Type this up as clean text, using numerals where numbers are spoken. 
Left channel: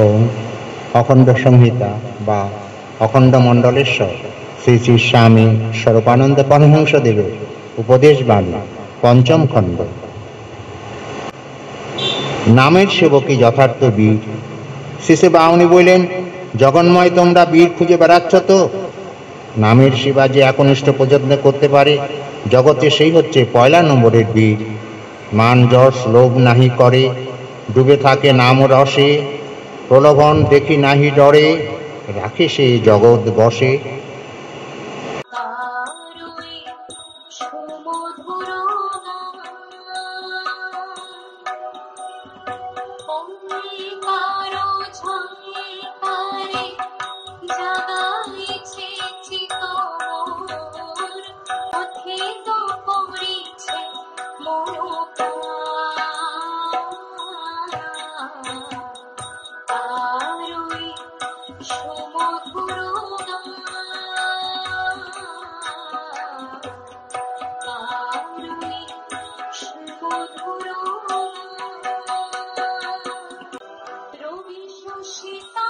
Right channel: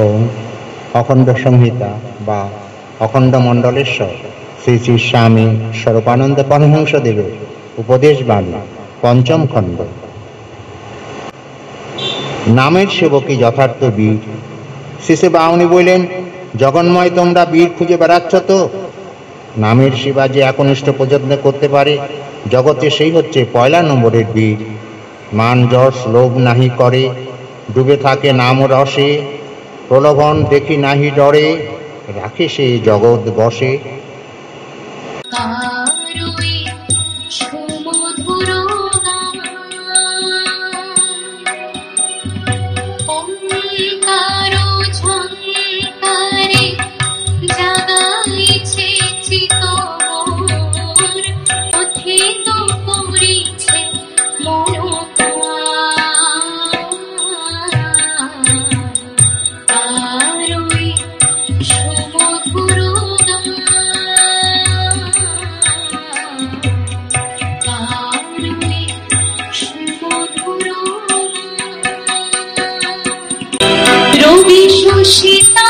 ওম অখণ্ড সংহিতা বা অখণ্ড মণ্ডলেশ্বর শ্রী শ্রী স্বামী স্বরূপানন্দ পরমহংসদেবের উপদেশ বাণী পঞ্চম খণ্ড। নামের সেবকই যথার্থ বীর। শেষে বাউনি বললেন, জগন্ময় তোমরা বীর খুঁজে বেড়াচ্ছ তো? নামের সেবা যে একনিষ্ঠ পর্যন্ত করতে পারে জগতে, সেই হচ্ছে পয়লা নম্বরের বীর। মান যশ লোভ নাহি করে, ডুবে থাকে নাম রসে, প্রলোভন দেখি নাহি ডরে, রাখে সে জগৎ বসে। রবি শোষিতা